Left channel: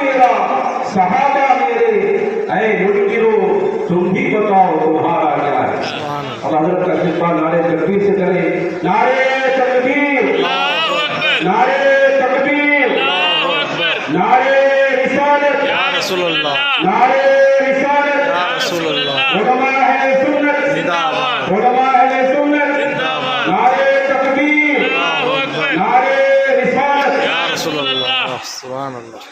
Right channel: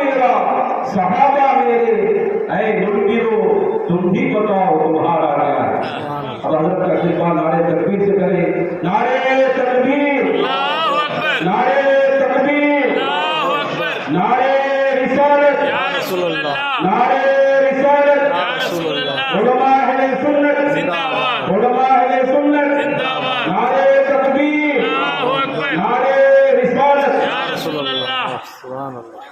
मेरा सहाबा मेरे, ऐ मुनकिरो तुम ही बताओ तुम्हारा क्या है। अब हजरत का सिलसिला नारे तकबीर से करें। नारे तकबीर, नारे तकबीर, नारे रिसालत, या रसूल अल्लाह, नारे रिसालत, या रसूल अल्लाह, उलमा अहले सुन्नत जिंदाबाद, उलमा अहले सुन्नत, नारे तकबीर, नारे रिसालत, या रसूल अल्लाह, सुभान अल्लाह।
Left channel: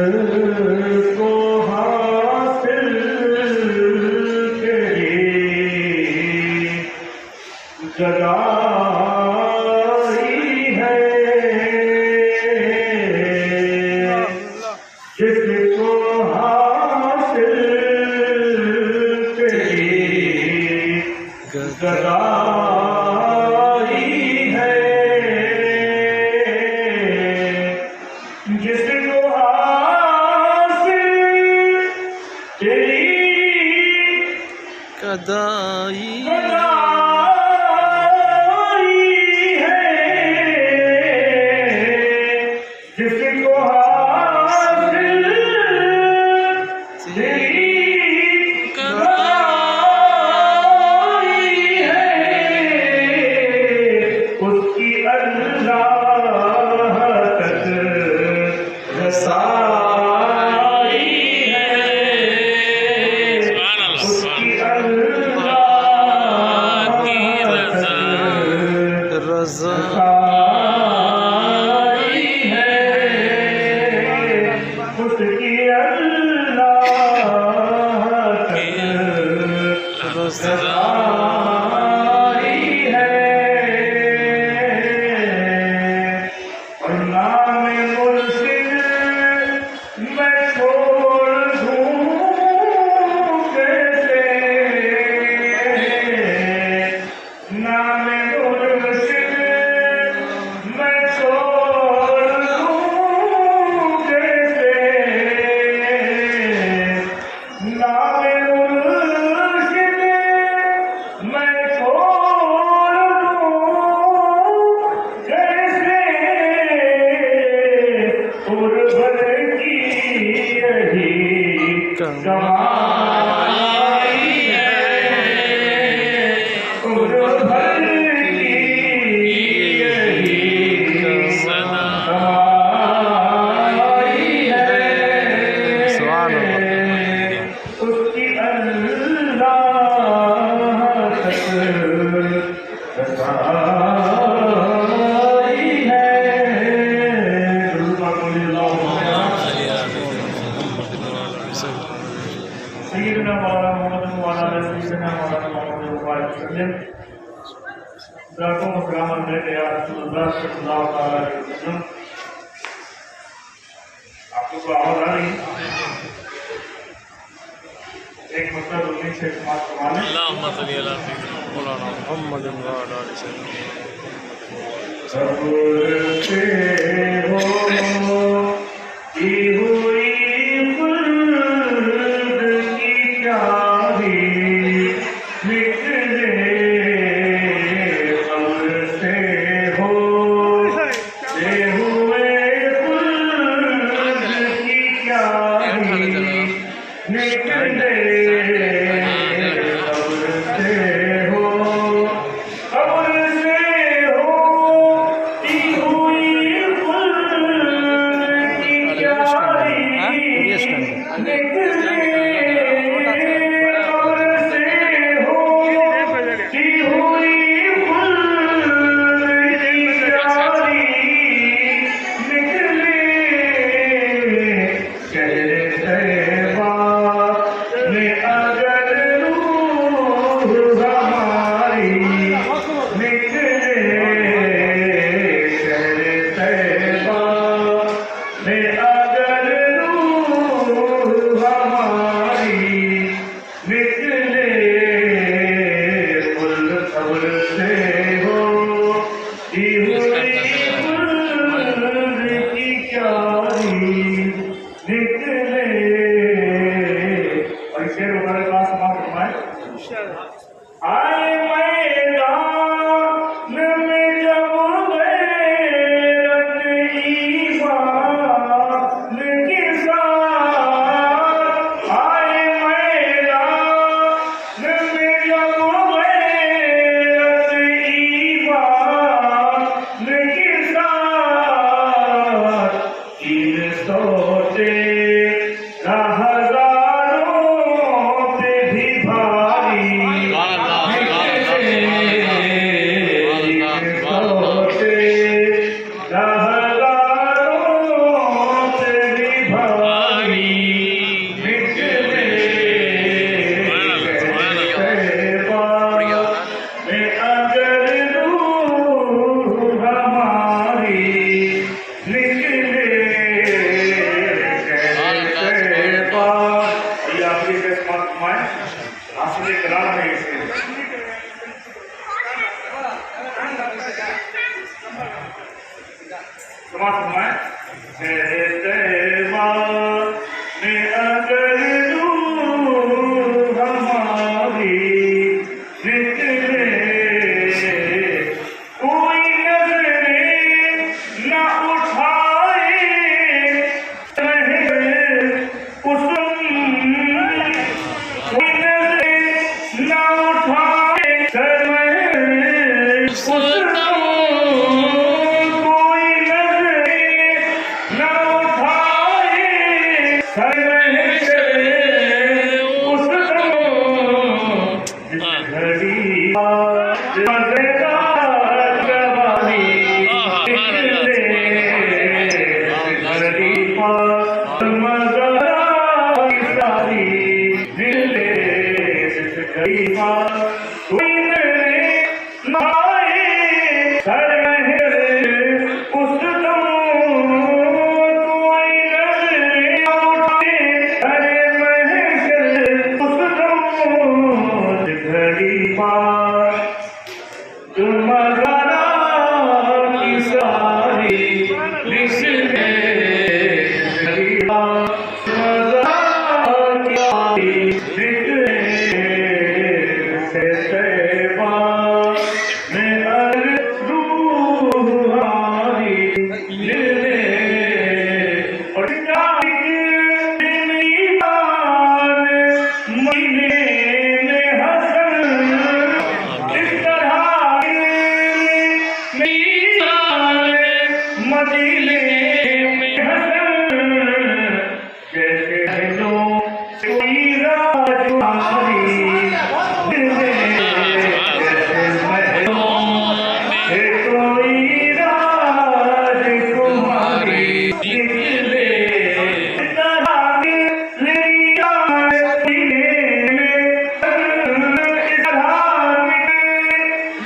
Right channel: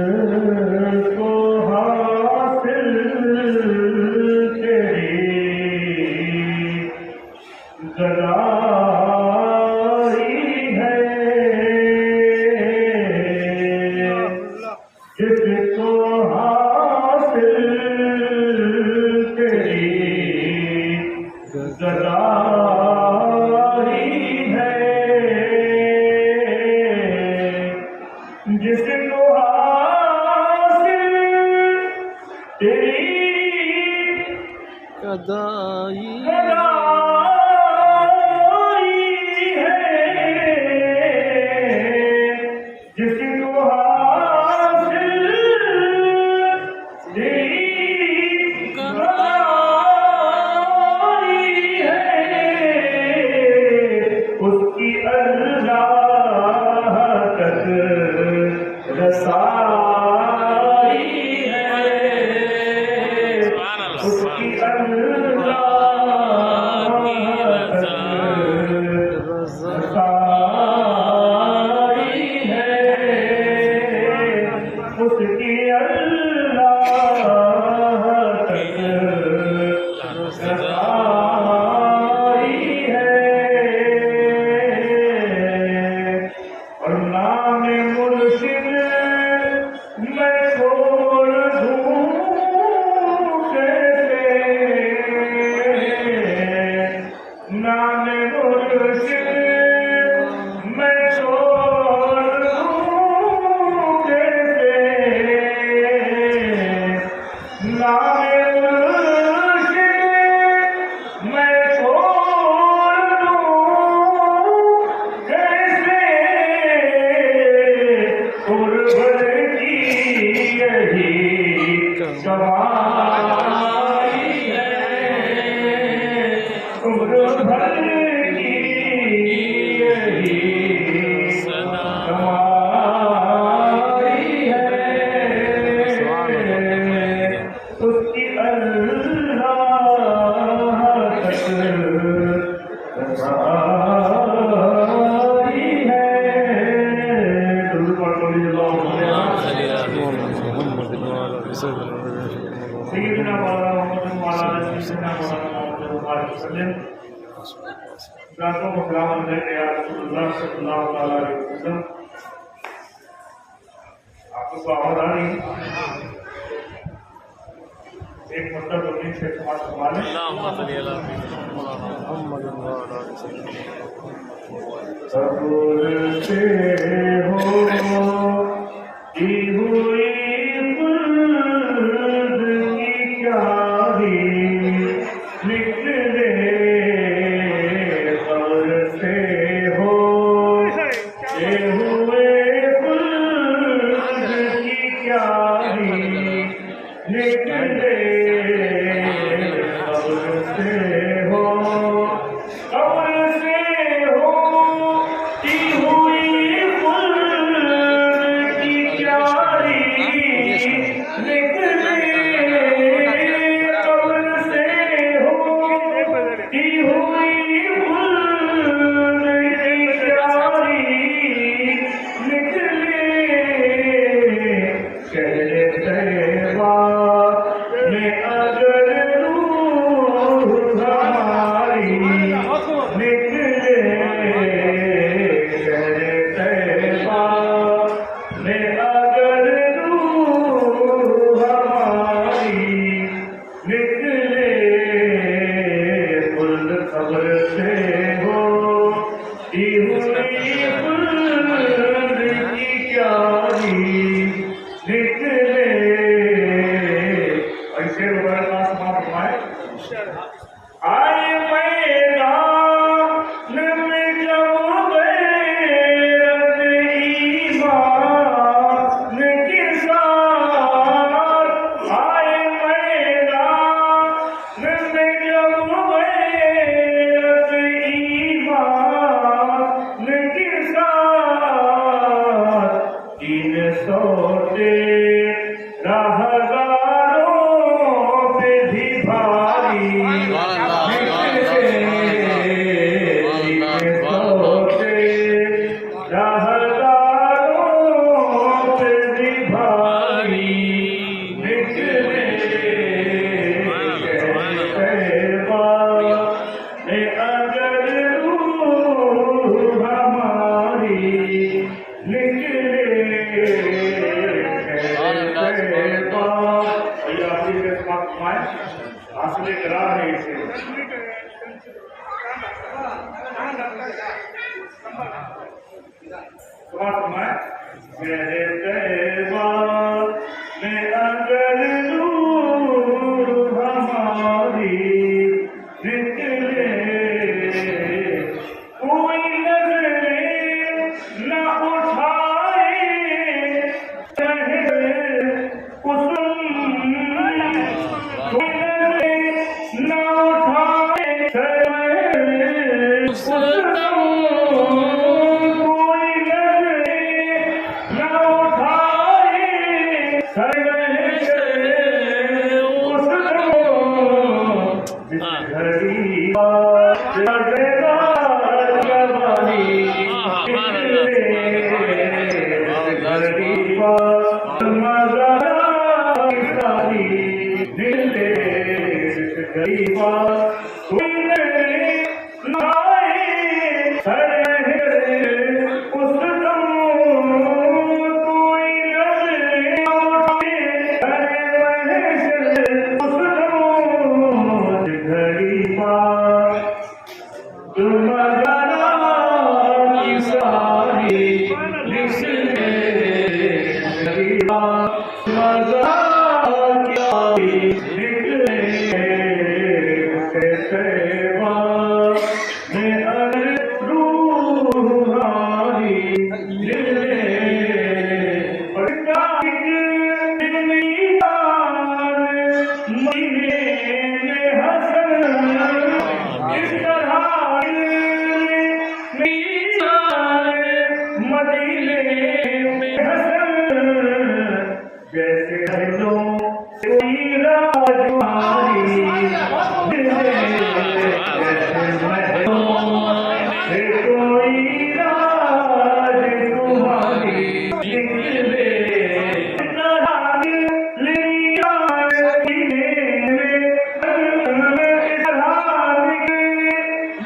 जिसको हासिल तेरी जगाई है, जिसको हासिल तेरी जगाई है, जिसको हासिल तेरी कदाई जिसको हासिल तेरी कदाई है, उसकी अल्लाह तक रसाई है, उसकी अल्लाह तक रज़ा रसाई है, उसकी अल्लाह तक रसाई है। और नाम मुर्शिद मैं छोड़ दूं कैसे, नाम मुर्शिद मैं छोड़ दूं कैसे, नाम मुर्शिद मैं छोड़ दूं कैसे, गुरबत की यही कमाई है, गुरबत की यही कमाई है, उसकी अल्लाह तक रसाई है। सय्यदना मौलाना मोहम्मद व अला आलिहि सय्यदना मौलाना मोहम्मद व बारिक वसल्लम। Bırakın programı ve Resulullah sallallahu aleyhi ve sellem. आपको आवाज आ रही है? एक मतलब उन्नीस से समाप्त करवाना है। اللهم صل على سيدنا مولانا محمد وعلى ال سيدنا सब्र से हो की हुई खुल्द की चाबी निकले सब्र से हो ते हुए खुल्द की चाबी निकले सब्र से हो सब्र से हो की हुई खुल्द की चाबी निकले सब्र से हो की हुई खुल्द की चाबी निकले शहरे तैयबा में अगर रूह हमारी निकले शहरे तैयबा में अगर रूह हमारी निकले खुल्द खबर से हो की हुई खुल्द की चाबी निकले ऐसे हमारे पास समाप्त हुआ है आए मैदान में जब गैरत ईमान के साथ आए मैदान में जब गैरत ईमान के साथ तीन सोते हजारों से भी भारी करा है इसे समाप्त में मेरे तैयबा में अगर रूह हमारी निकले कोई नजरें न उठाए रहे उस कोई नजरें न उठाए रहे उस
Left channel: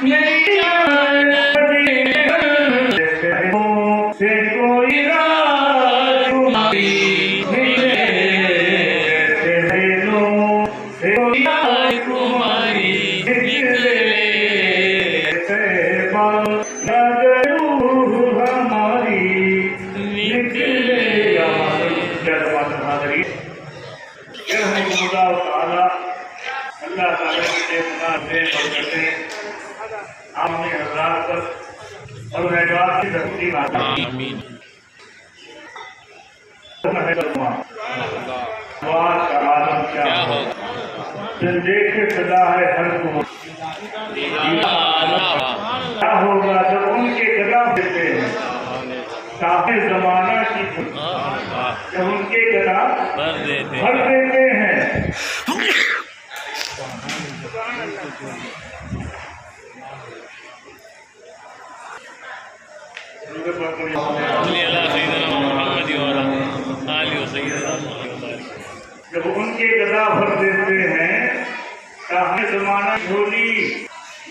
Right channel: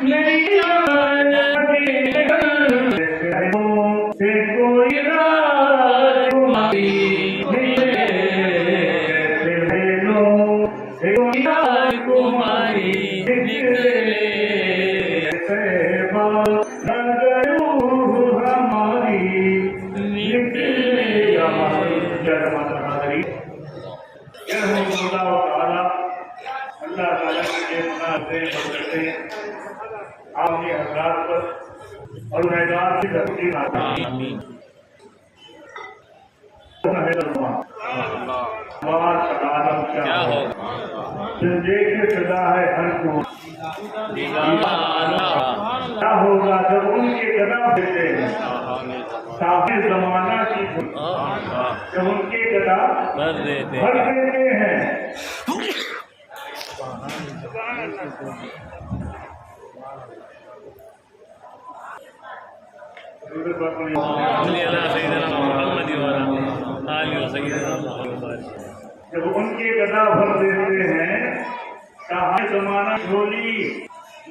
Yeah. से कोई राजकुमारी मिले, से लो से कोई राजकुमारी निकले, तैबा नगर हमारी निकले। अल्लाह ताला के मुनाफे बरकते आपने हज़रात पर और मैदान की धरती आमीन। आलम क्या हो दिल देखे सदा है हर को क्या होगा जब उनके कदम देते हैं साहिब जमाना की जब उनके कदम भर देते हैं। जब उनके गदा भर देते हैं साहिब जमाना झोली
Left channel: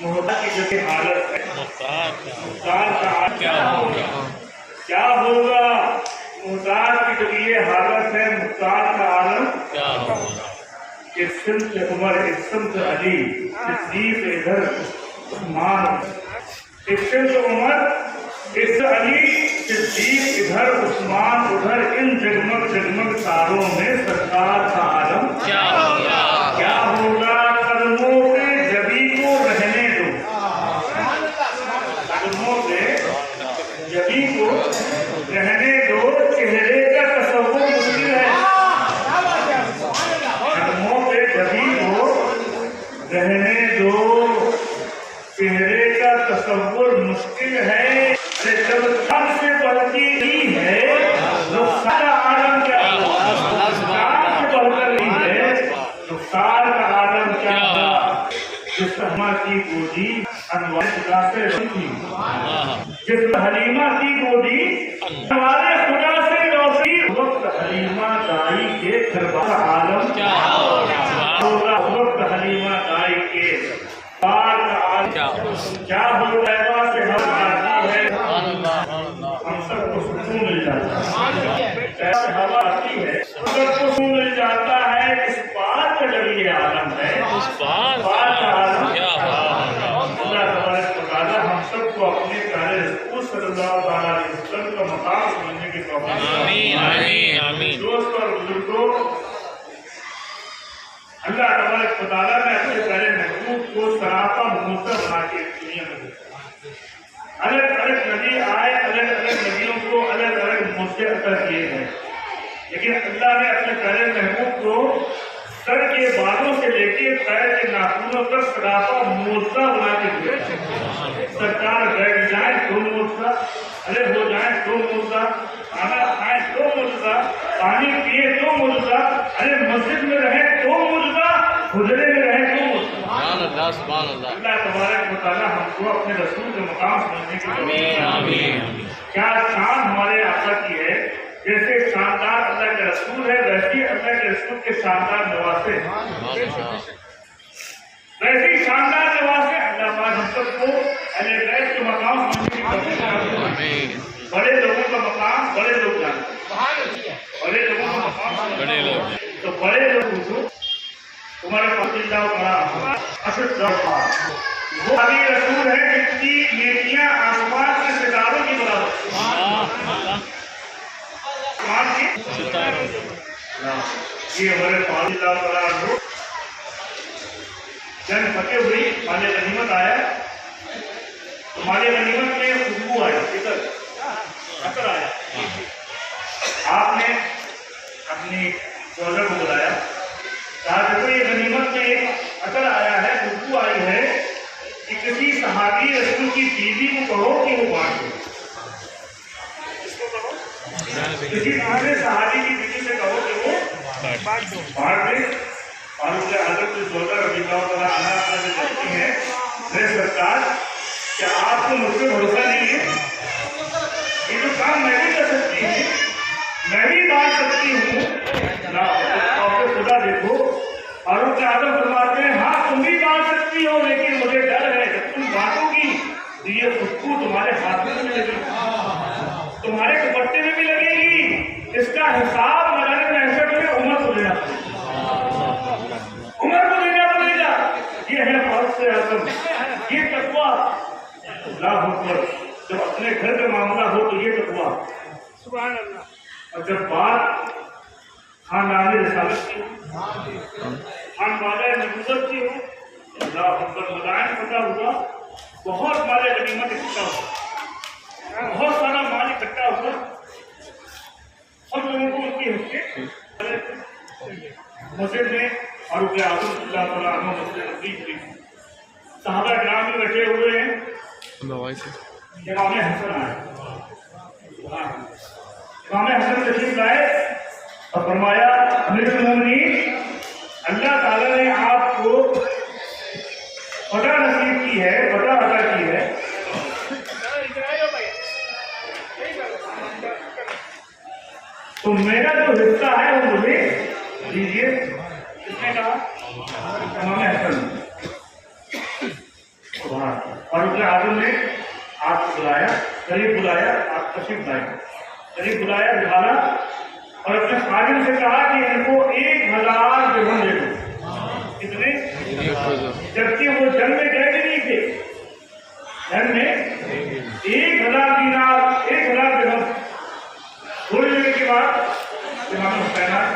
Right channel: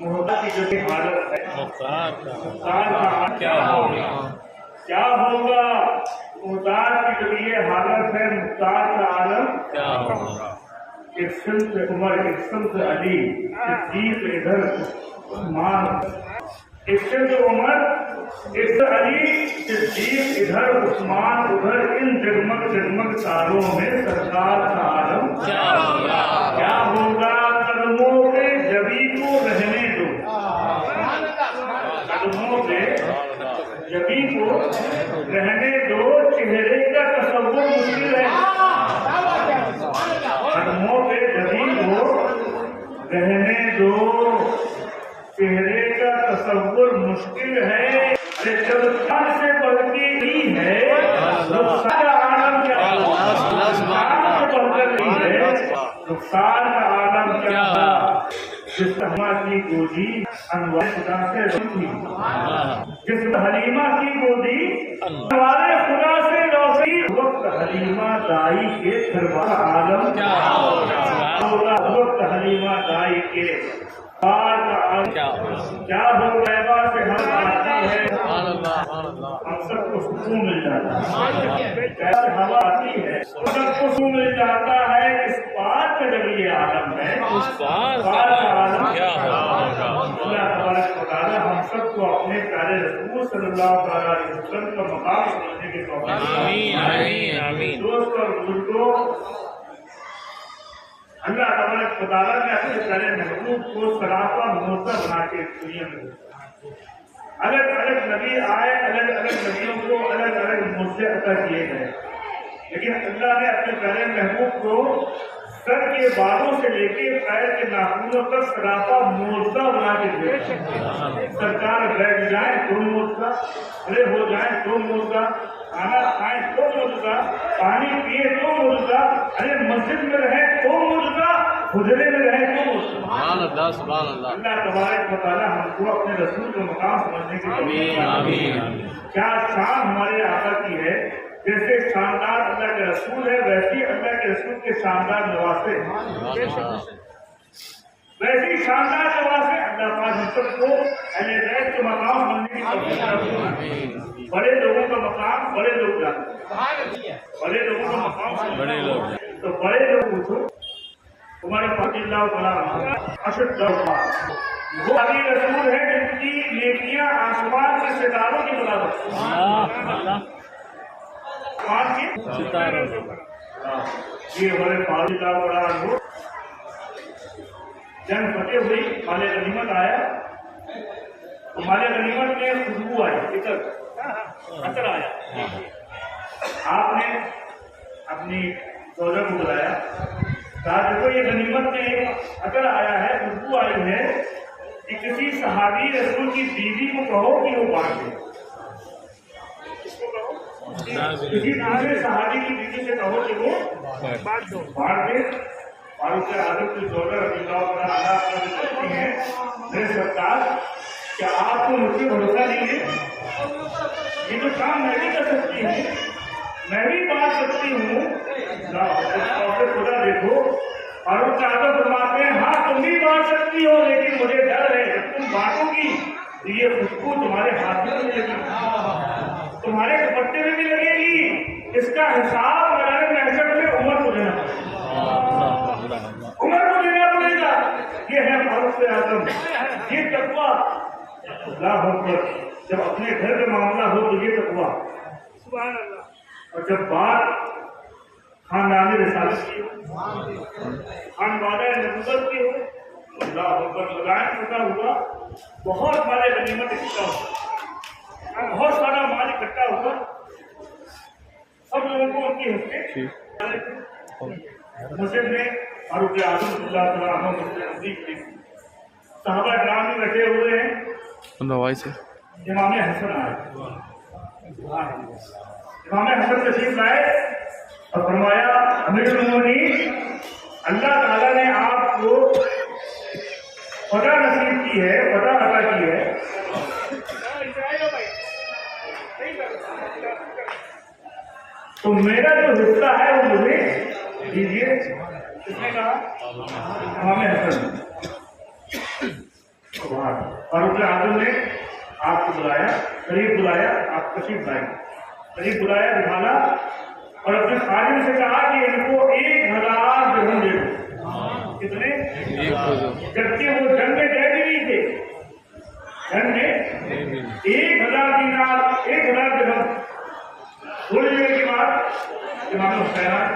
मोहब्बत की जब हालत है मुख्तार का क्या होगा मुख्तार की जब ये हालत है मुख्तार का आलम क्या होगा। एक सिम्त उमर एक सिम्त अली सिद्दीक इधर उस्मान एक सिम्त उमर एक अली सिद्दीक इधर उस्मान उधर इन जगमग जगमग तारों में सरकार का आलम क्या होगा कदमों पे जबी को रहने दो कदमों पे जबी को रहने दो चेहरे का तसव्वुर मुश्किल है कदमों पे जबी को रहने दो चेहरे का तसव्वुर मुश्किल है। जब चाँद से बढ़ती ही है तो सारा आलम क्या हुआ चाँद से बढ़कर नहीं है तो सारा आलम क्या हुआ। जिस हलीमा की गोदी अनवार खुदा से थी जिस हलीमा की गोदी अनवार खुदा से रोशनी वक्त हलीमा दाई के दरबार आलम क्या होगा वक्त हलीमा दाई के पार का आलम क्या होगा से हम आती है हम सबको सुकून मिल जाता है जैसे हवा आती है सबको सुकून मिल जाता है। इस पार का जब ये आलम है उस पार का आलम क्या अल्लाह तबारक व तआला हम सबको अपने प्यारे रसूल सल्लल्लाहु अलैहि वसल्लम का मकाम समझने की तौफीक आमीन। दोस्तों और बुजुर्गों अल्लाह तबारक व तआला ने अपने प्यारे महबूब को सरापा मोसा बना के दुनिया में अलग अलग नबी आए अलग अलग नबियों को अलग अलग मोसे अता किए गए लेकिन अल्लाह ने अपने प्यारे महबूब को सर के बालों से लेके पैर के नाखूनों तक सरापा मोजा बना के दिया। सरकार बैठ जाए तो मोजा अरे हो जाए तो मोजा खाना खाए तो मोजा पानी पिए तो मोजा अरे मस्जिद में रहे तो मोजा हुजरे में रहे तो अल्लाह तबारक व तआला हमको अपने रसूल के मकाम समझने की आमीन। क्या शान हमारे आका की है जैसे शानदार अल्लाह के रसूल है वैसे अल्लाह के रसूल के शानदार नवासे वैसे ही शानदार नवासे अल्लाह पाक हम सबको अहले बैत के मकाम समझने की तौफीक आमीन। बड़े लोगों का मकाम बड़े लोग जानते हैं बड़े लोगों का मकाम तो बड़े लोग तुम्हारे वो अली रसूल है जिनकी नेकियां आसमान के सितारों की बराबर ये हमारे जंग फतेह हुई माले गनीमत आया तो माले गनीमत में खुशबू आई अतर आया आपने अपनी दौलत को बुलाया कहा देखो ये गनीमत में एक अतर आया है खुशबू आई है कि किसी सहाबी रसूल की बीवी को कहो कि वो बांट दे किसी दूसरे सहाबी की बीवी से कहो कि वो बांट दे और उसके आदत से जोकर आना करती है मेरे सरकार क्या आपको मुझ पर भरोसा नहीं है ये जो काम मैं भी कर सकती हूँ मैं भी बांट सकती हूँ खुदा देखो और उसका आदत फरमाते हैं हाँ तुम भी बांट सकती हो लेकिन मुझे डर है जब तुम बांटोगी तो ये खुशबू अल्लाह अकबर। जब अपने घर का मामला हो तो ये तकवा, सुभान अल्लाह। और जब बात खानदानी रिसालत की हो, खानवाले नबूवत की हो, अल्लाह अकबर। मदाइन पता हुआ, बहुत माले गनीमत इकट्ठा हुआ, बहुत सारा माल इकट्ठा हुआ, सब लोगों को उनकी हिस्से मस्जिद में फारूक आजम मस्जिद साहबा ग्राम में बैठे हुए हैं। दवाई से इमाम हसन आए, इमाम हसन तशरीफ लाए और फरमाया, अमीरुल मोमिनीन, अल्लाह ताला ने आपको पता नसीब की है, पता अता की है, तो मेरा जो हिस्सा है वो मुझे दीजिए। किसने कहा? इमाम हसन। फारूक आजम ने आपको बुलाया, करीब बुलाया, आप तशरीफ लाए, करीब बुलाया, बिठाला और अपने खादिम से कहा कि इनको 1000 दिरहम दे दो। कितने? जबकि वो जंग में गए भी नहीं थे, जंग में 1000 दीनार, 1000 दिरहम। थोड़ी देर के बाद इमाम हुसैन आए,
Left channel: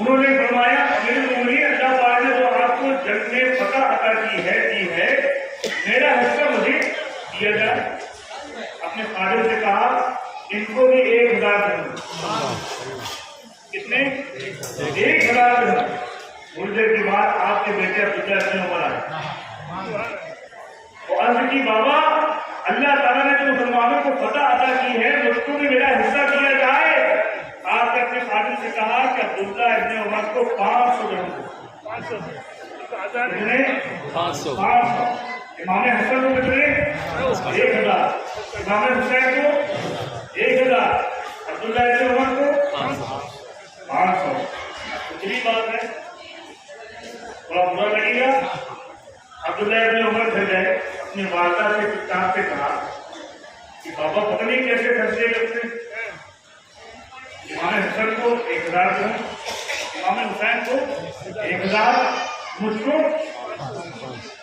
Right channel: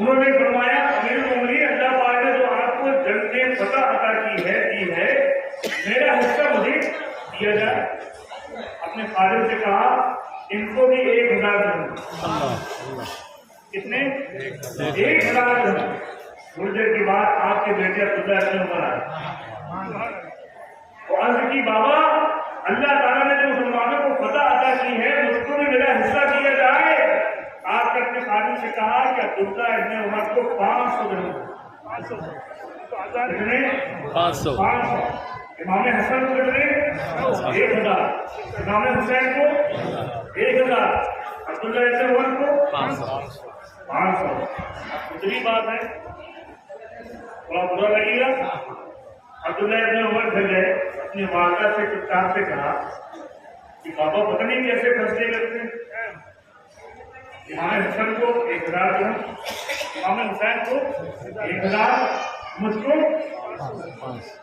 उन्होंने फरमाया, अमीरुल मोमिनीन, अल्लाह पाक ने जो आपको जंग में पता अता की है, दी है, मेरा हिस्सा मुझे दिया जाए। अपने फादर से कहा, इनको भी 1000 दिरहम। कितने? 1000 दिरहम। थोड़ी देर के बाद आपके बेटे अब्दुल्लाह इब्न उमर आए और अर्ज की, बाबा, अल्लाह ताला ने जो मुसलमानों को पता अता की है, मुझको भी मेरा हिस्सा दिया जाए। आपने अपने खादिम से कहा कि अब्दुल्लाह इब्न उमर को 500 दिरहम दो। कितने? 500। इमाम हसन को कितने? 1000। इमाम हुसैन को 1000। अब्दुल्लाह इब्न उमर को 500। दूसरी बात है, थोड़ा बुरा लगेगा। अब्दुल्लाह इब्न उमर घर गए, अपनी वालदा से चुपचाप से कहा कि बाबा पता नहीं कैसे खर्चे करते हैं। इमाम हसन को 1000 दिरहम, इमाम हुसैन को 1000, मुझको,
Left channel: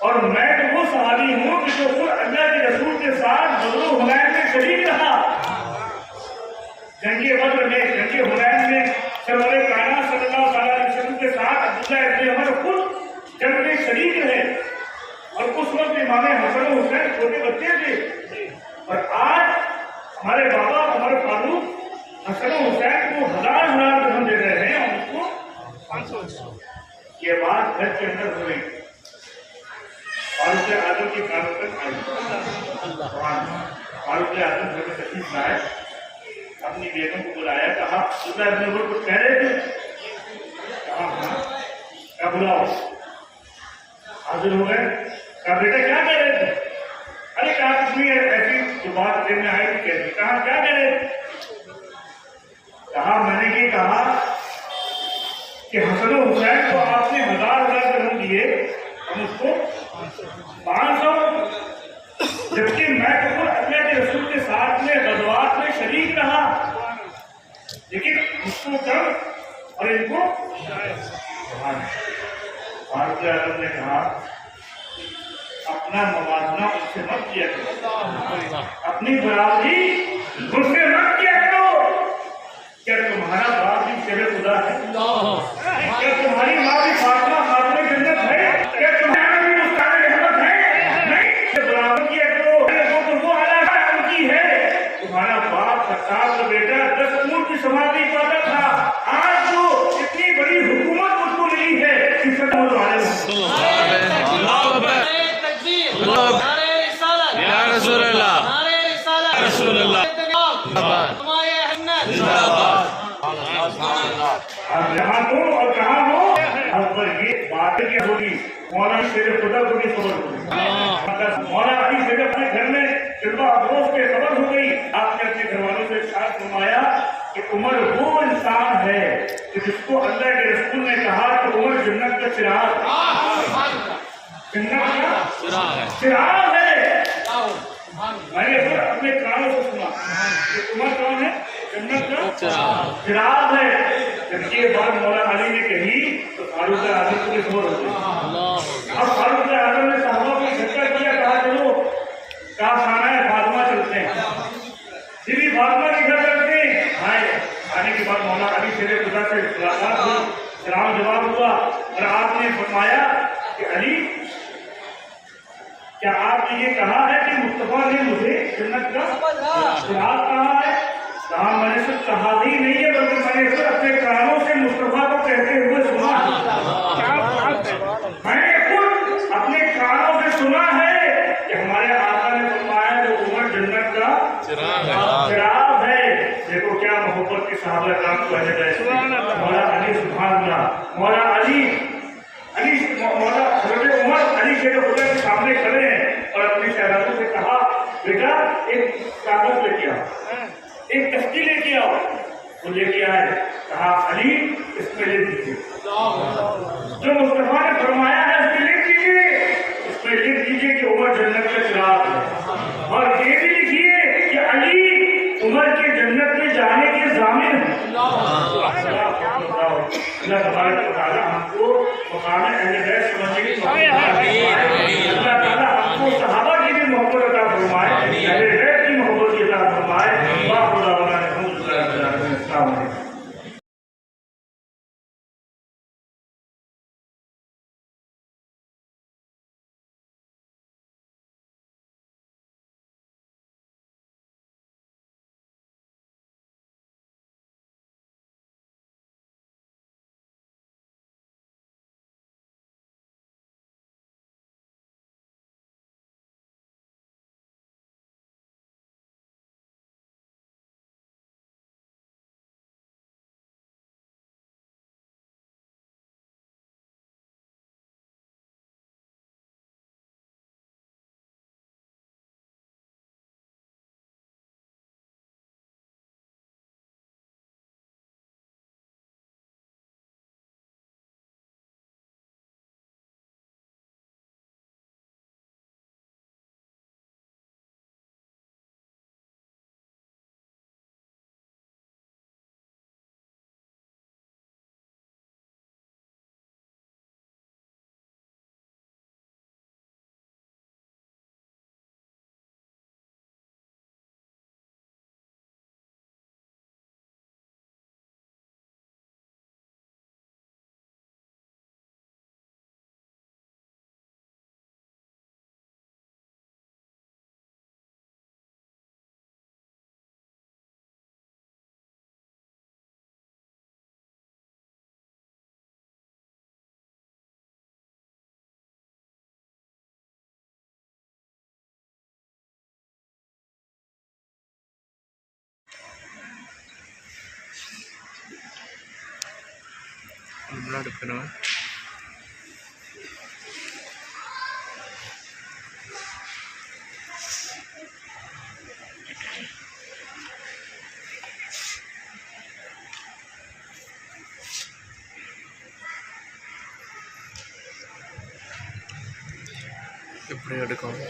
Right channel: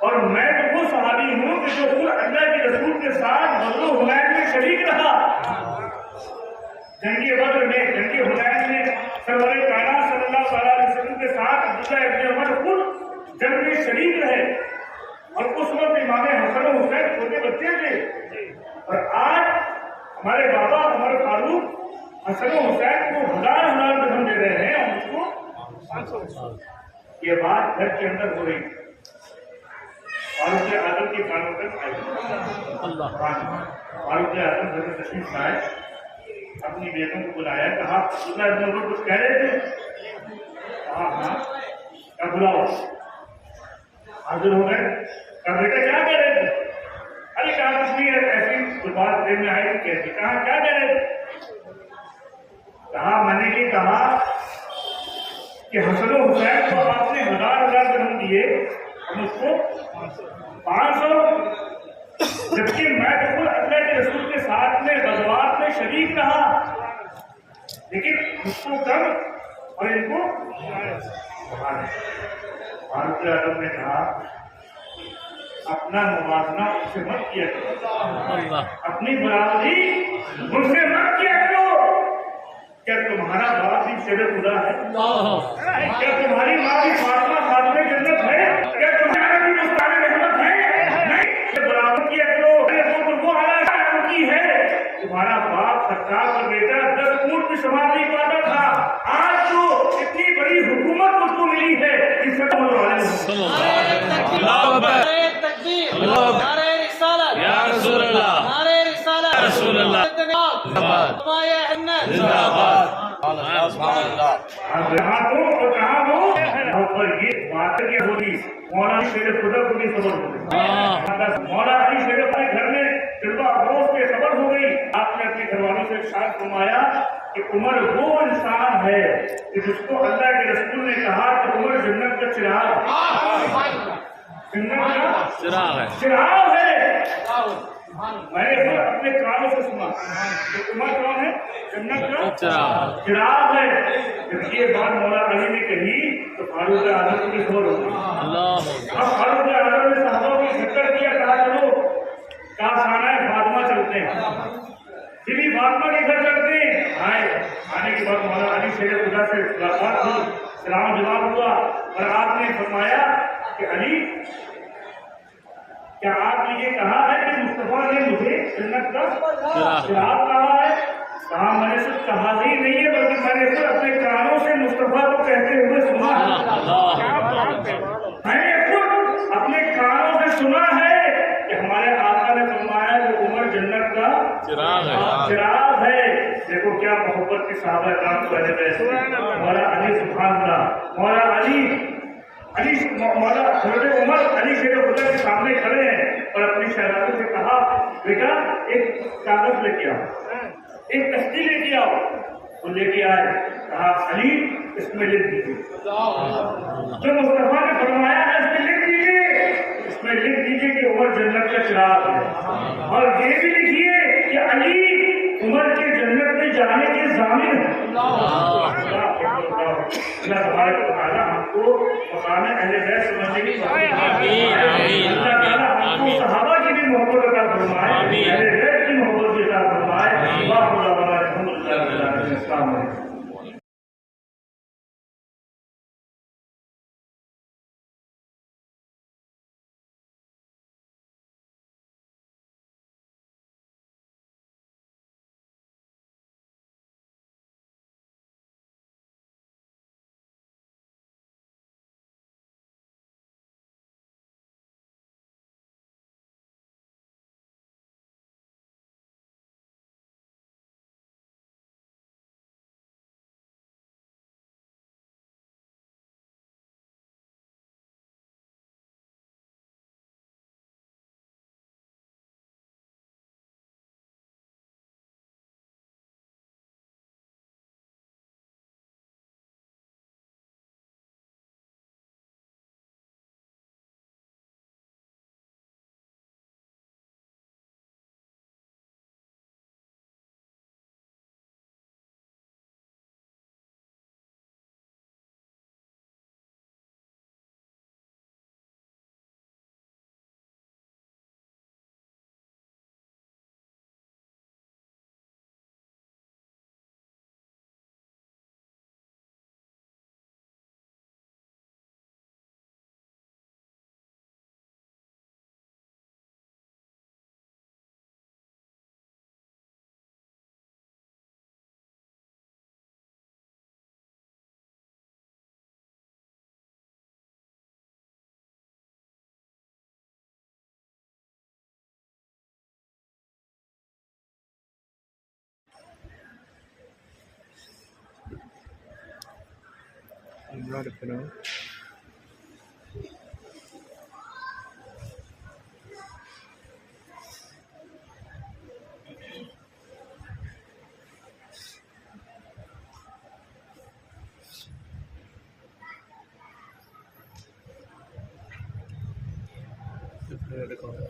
और मैं तो वो सहाबी हूँ कि जो खुद अल्लाह के रसूल के साथ बदर हुनैन में शरीक रहा। जंगे बद्र में, जंगे हुनैन में सरवर कायनात सल्लल्लाहु अलैहि वसल्लम के साथ अब्दुल्लाह इब्न उमर खुद जंग में शरीक रहे और उस वक्त इमाम हसन और हुसैन छोटे बच्चे थे। और आज हमारे बाबा उमर फारूक हसन और हुसैन को 1000 दिरहम दे रहे हैं और उसको 500। ये बात घर के अंदर हो रही, फारूक आजम की कानों तक आई। फारूक आजम घर में तशरीफ लाए, अपनी बेटों को बुलाया, कहा, अब्दुल्लाह इब्न उमर कुछ कह रहे थे? कहा, हाँ। क्या? बुलाओ। हाजिर हो गए। कहा, बेटा क्या कह रहे थे? अरे कहा, कुछ नहीं, ऐसी जो बात दिन में आई थी कहती। कहा, क्या कह रहे थे? कहा, मैंने ये कहा कि हसन और हुसैन को आपने 1000 दिरहम दिए, हम उसको 500, जबकि मैं तो खुद अल्लाह के रसूल के साथ में गज़वात में शरीक रहा, लेकिन उसको कम और इनको। फारूक आजम ने कहा, अपना मवाजना उससे मत किया करो, अपनी बराबरी मुझसे मत किया करो। क्या तुम्हारा बाप भी शेरे खुदा है? क्या तुम्हारी माँ भी फातिमा खातून जन्नत है? क्या तुम्हारा भी मुस्तान रहमत है? नहीं, बराबर किया करो। वो आला उनकी है। तुम्हारा बाप सरकार का बेटा 10 ऊंट की सवार नहीं पाता था, आज जो इतनी बड़ी हुकूमत उसको मिली है, इससे या रसूल अल्लाह, रसूल अल्लाह आप यहाँ हो और कहाँ हो, और ये बात क्या होगी? मौला शेर खुदा को भी खबर हो गई, मौला अली शेर अपने घर में फिल्मा अफरोज के खबर हो गई। आपने अपने घर वालों से इरशाद फरमाया कि उमर वो इंसान है कि जिसको अल्लाह के रसूल ने कहा कि उमर जन्नत का चिराग, जन्नत का चिराग है। मैंने फिर अपने कानों से सुना कि उमर कौन है? जन्नत का चिराग है। जब ये बात मौला अली ने कही तो फारूक आजम को खबर हो गई। अब फारूक आजम ने साहबा को इकट्ठा किया, कहा चलो खाना है फातिमा चलते हैं, बीबी फातिमा के घर चलते हैं। आए, आने के बाद मौला अली शेर खुदा से मुलाकात हुई, सलाम जवाब हुआ और आपने फरमाया कि अली, क्या आपने ये कहा है कि मुस्तफा ने मुझे जन्नत का चिराग कहा है? कहा मैंने सिर्फ कहा ही नहीं है, बल्कि मैंने सिर्फ अपने कानों से मुस्तफा को कहते हुए सुना है। मैंने खुद अपने कानों से सुना है कि हमारे आका ने फरमाया वो उमर जन्नत का चिराग है। देखो क्या मोहब्बत की साहबा काम कहने गए। मौला अली सुभान अल्लाह, मौला अली मौला हज़रत उमर अली शेर खुदा के सामने खड़े हैं और अपने शहजादे से कहा, बेटा एक कागज लेके आओ, एक तख्ती लेके आओ। वो लेके आए, कहा अली इसमें लिख दीजिए, जो मुस्तफा ने फरमाया है उसमें लिख दीजिए, इसमें लिख दीजिए कि उमर जन्नत का चिराग है, और ये भी लिखिए कि अली उमर के जन्नत में जाने के ज़ामिन है। अल्लाह तबारक व तआला हमको मकाम अहले बैत समझने की तौफीक अता फरमाए। अल्लाह ताला हमको सहाबा की भी मोहब्बत अता फरमाए, अहले बैत की मोहब्बत भी अता फरमाए। वाह खुदा बना अल्हम्दुलिल्लाह रब्बिल आलमीन। अस्सलाम वालेकुम। ब्लड करो ఇప్పుడు ఎడుకోవాలి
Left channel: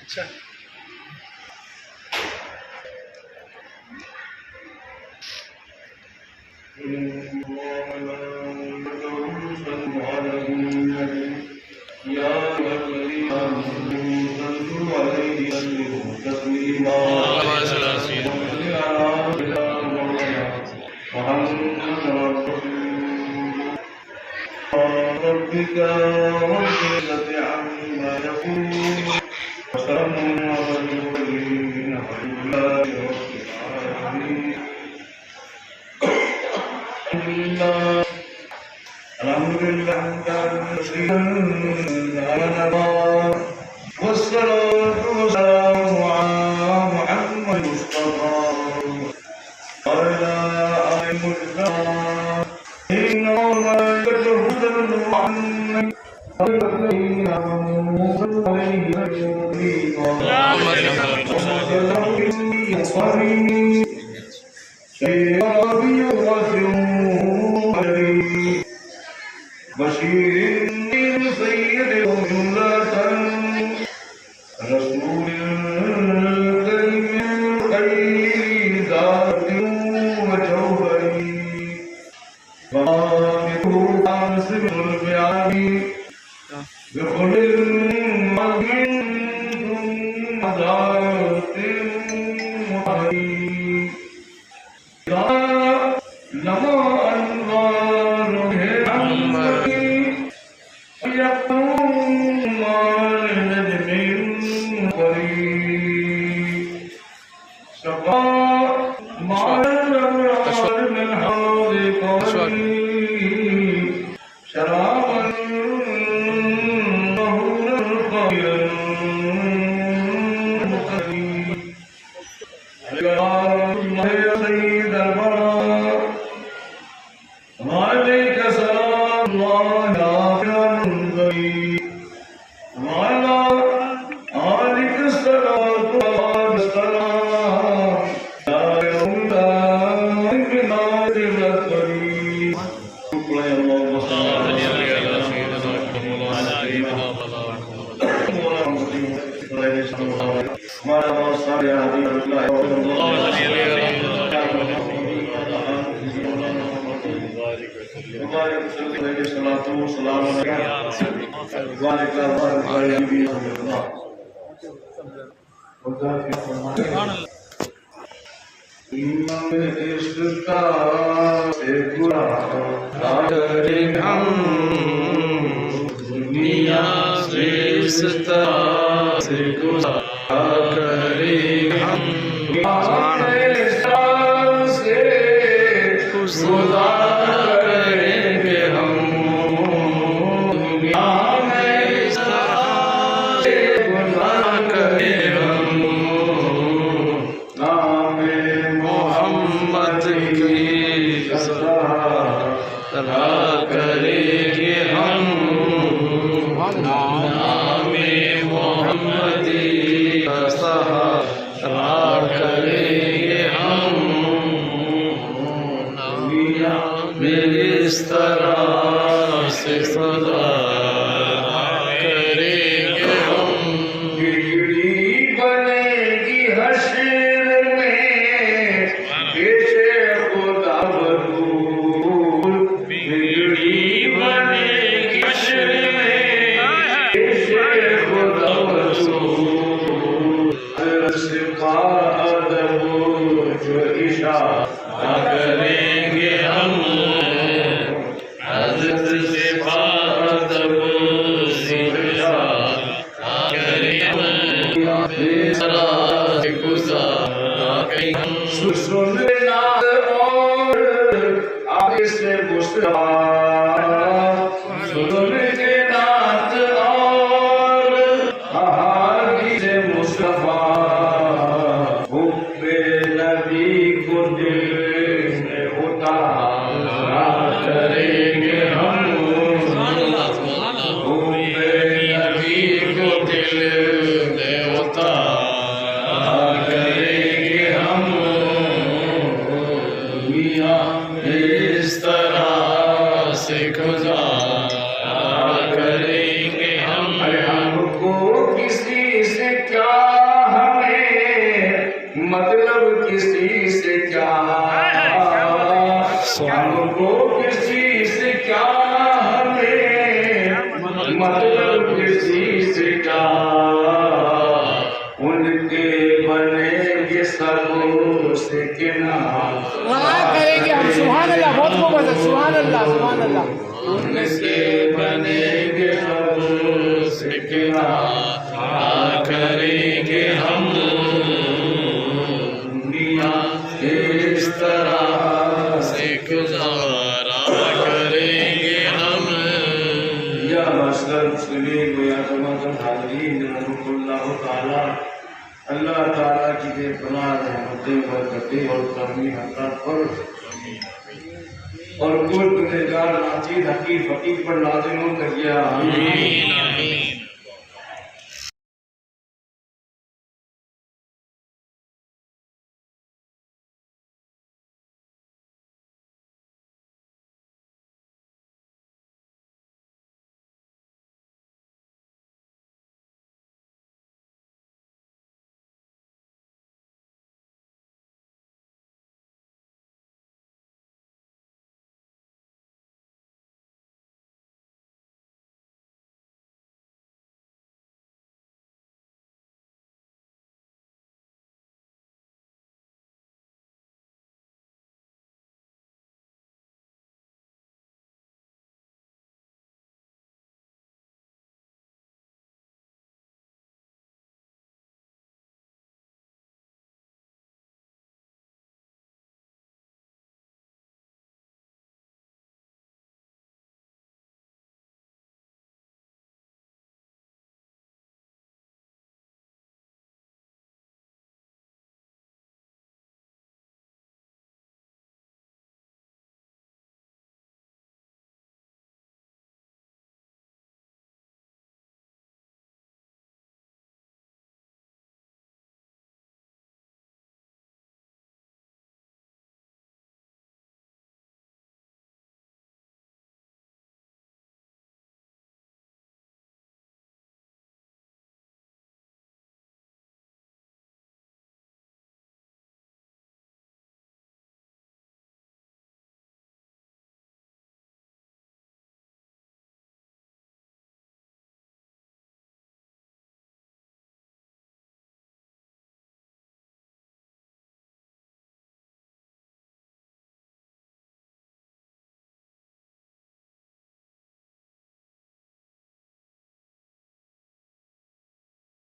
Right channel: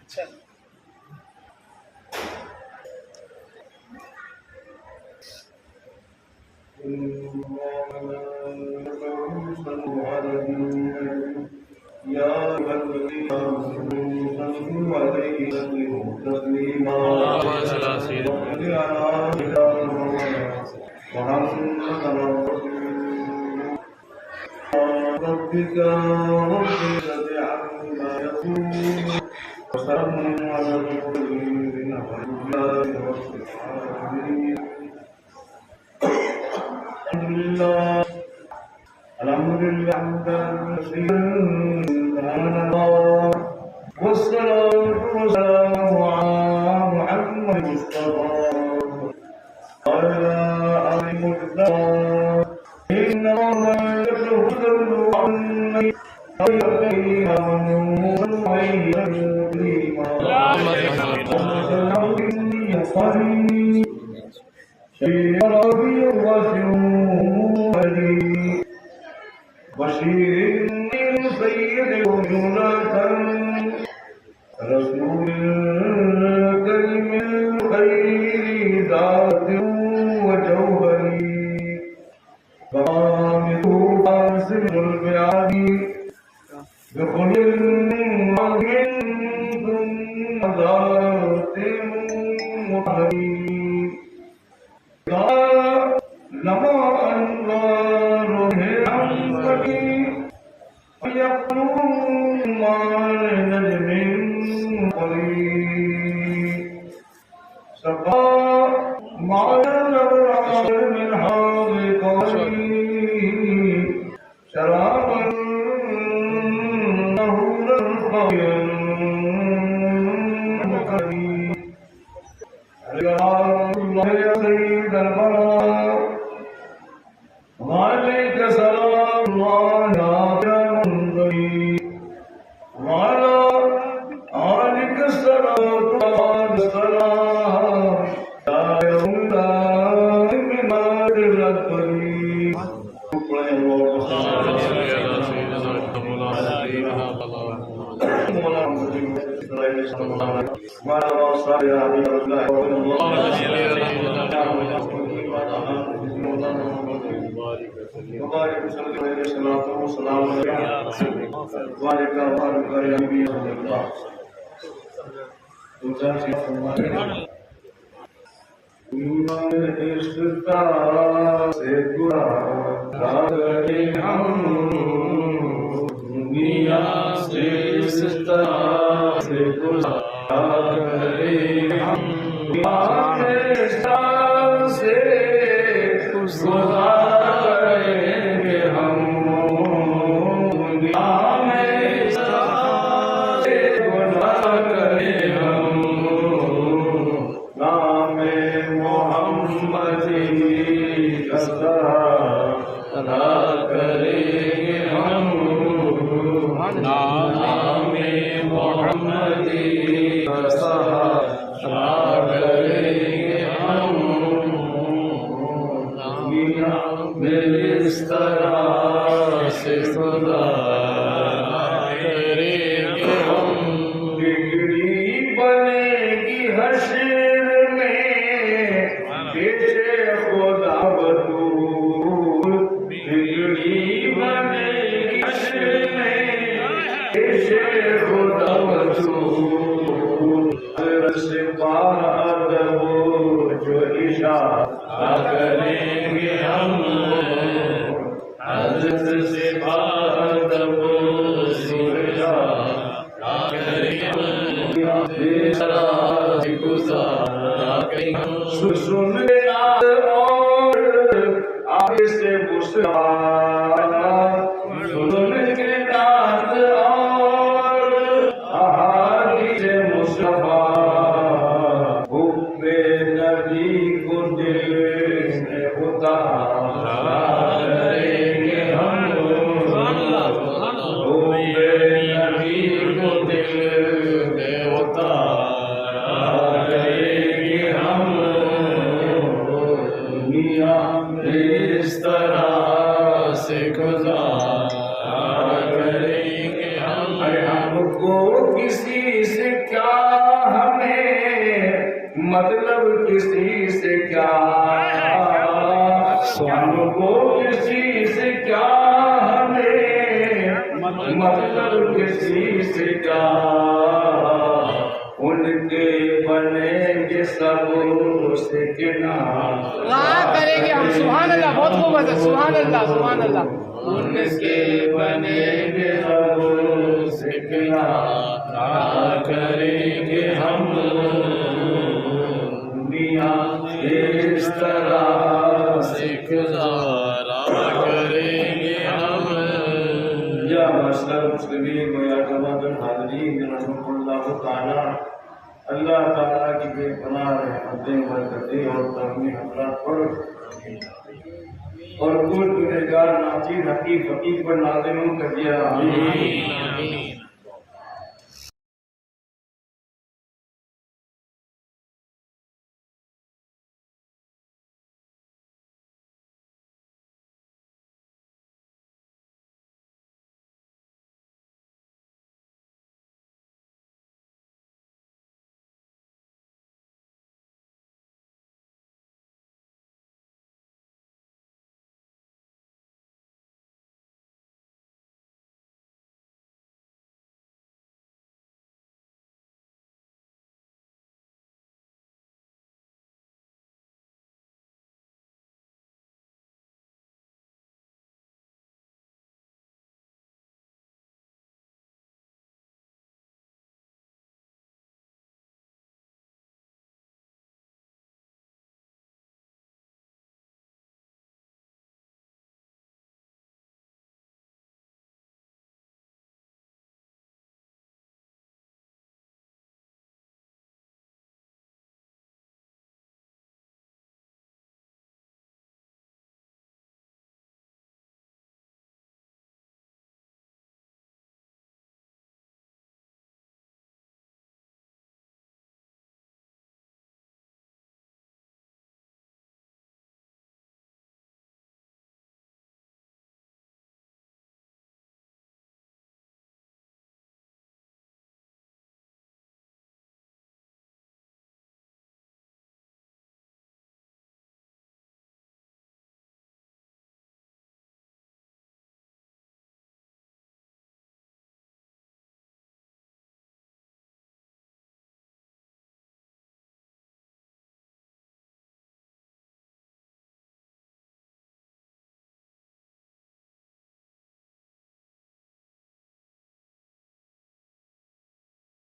अच्छा दुनिया से करे हम करेंगे हम दुनिया में इस तरह से करें हम नामे मोहम्मद की सराह करेंगे हम नामे मोहम्मदी सहारा करेंगे हम दुनिया में इस तरह से सदा करेंगे हम बिगड़ी बनेगी हश्र में पेशे खुदा बदूर बिगड़ी बनेगी हश्र में पेशे खुदा बदूर से बाहर जो इशारा करेंगे हम हज़रत से बाहर से इशारा करेंगे हम बेसरा गुज़ारा करेंगे हम सुन नाद और आगे से गुस्सा सुन नाद और आगे से मुस्तफा हुब्बे नबी को दिल में उतारा करेंगे हम हुब्बे नबी को दिल में उतारा करेंगे हम दुनिया इस तरह से गुजारा करेंगे हम। अरे हमको किसी से क्या, हमें मतलब किसी से क्या, हमको किसी से क्या, हमें मतलब किसी से क्या, उनके बनेंगे सब से किनारा करेंगे हम। सुभान अल्लाह, बहुत खूब है। सुभान अल्लाह, सुभान अल्लाह। उनके बनेंगे सब से किनारा करेंगे हम। दुनिया इस तरह से गुजारा करेंगे हम। या मसल मुस्लिमीन व या जमाअतुल हाज़रीन रहमतुल्लाह ताला, अल्लाह ताला की बेपनाह रहमतें बरकतें और करमी अता पर और कुल गुनहगार नाचीर हकीम फकीर पर नाज़िल हो कर दिया। आमीन आमीन।